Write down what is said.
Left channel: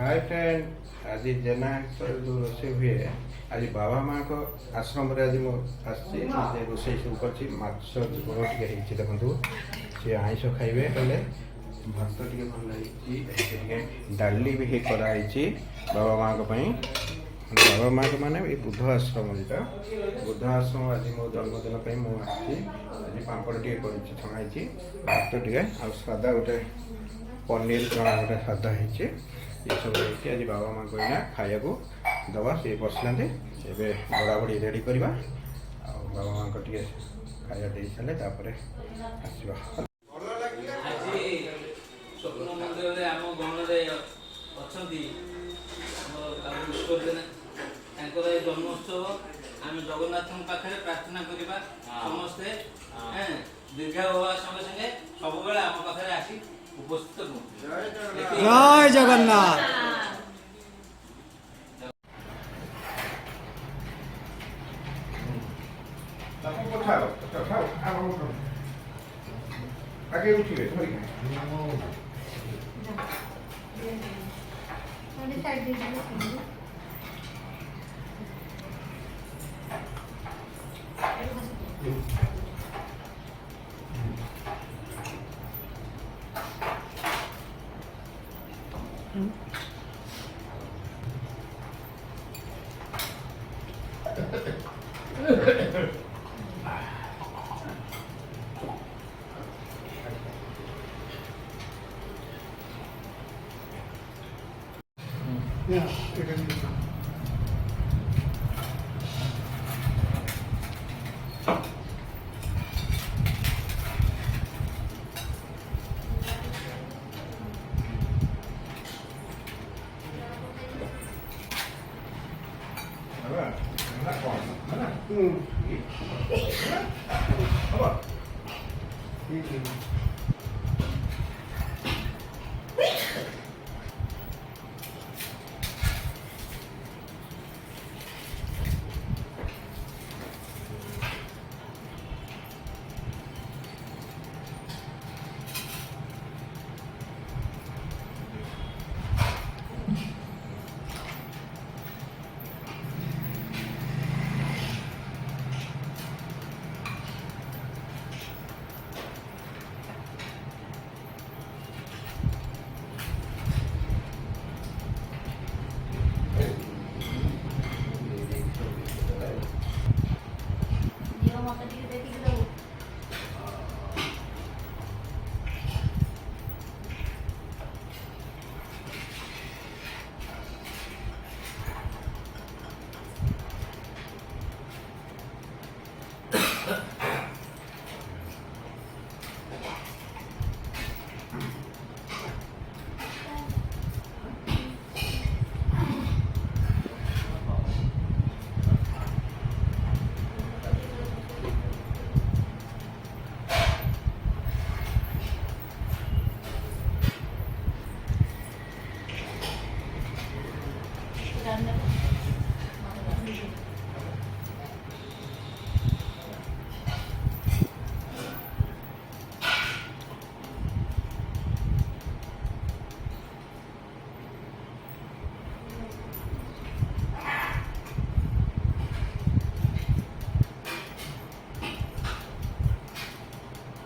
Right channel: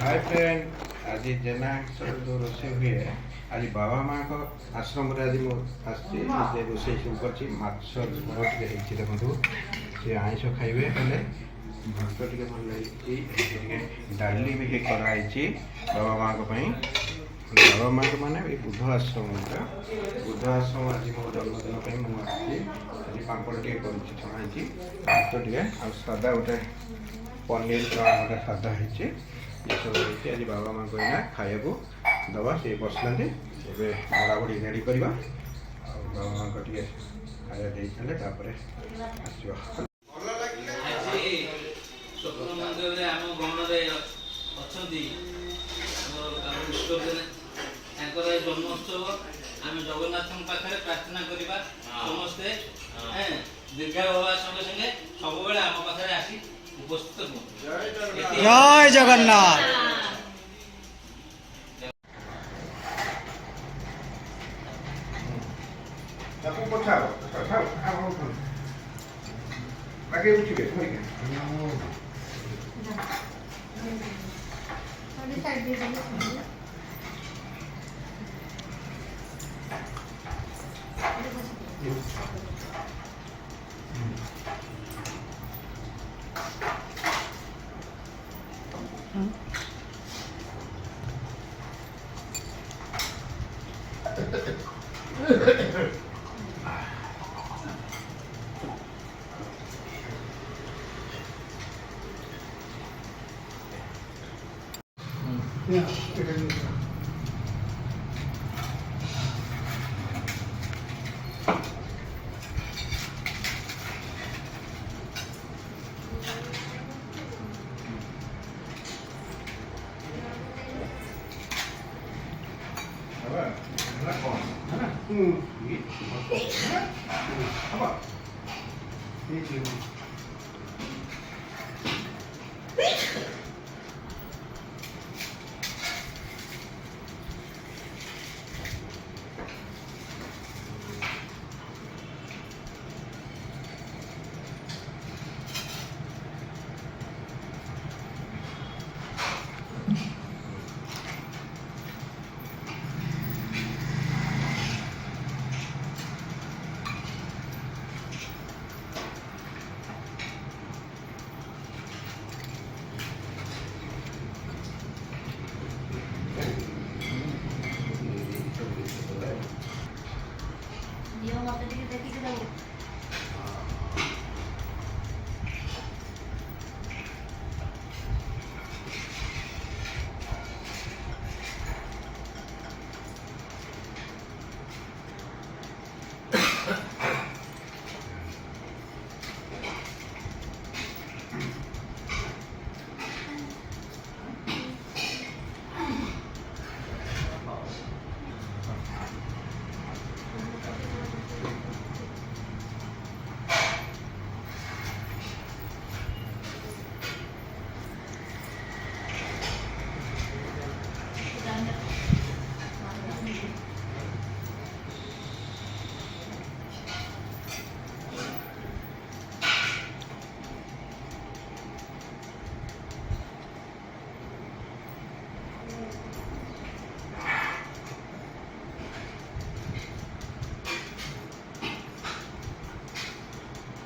Hi friend आज जेना जो रोषे हुए आज बाबा माँ को आश्रम आज रोषे सब कर माछ झोल टे देखो सी आईष खाइबे हेले भात टे भल डाली भी कराई बाबा माँ को बाबा माँ को माने बुद्ध आश्रम बुद्ध आश्रम आज मो जन्मदिन मुझे आज पापड़ टे छणाई भात टे सादा गोटे पनीर गोटे सादा है ये सब आज बाबा माँ को खाया दवा सी बसला बड़ा बड़ी रेडी करवा बाबा माँ को खाया दे सारे आस स्वप्न मंदिर में आम गणरे अच्छा जन्मोत्सव आम जगन्नाथ पाखे प्रार्थना करवा समस्ते दीर्घा हवा संगे संगे सब आम पाखे आसी उपस्थित जय जगन्नाथ। आगे उठिए ठीक है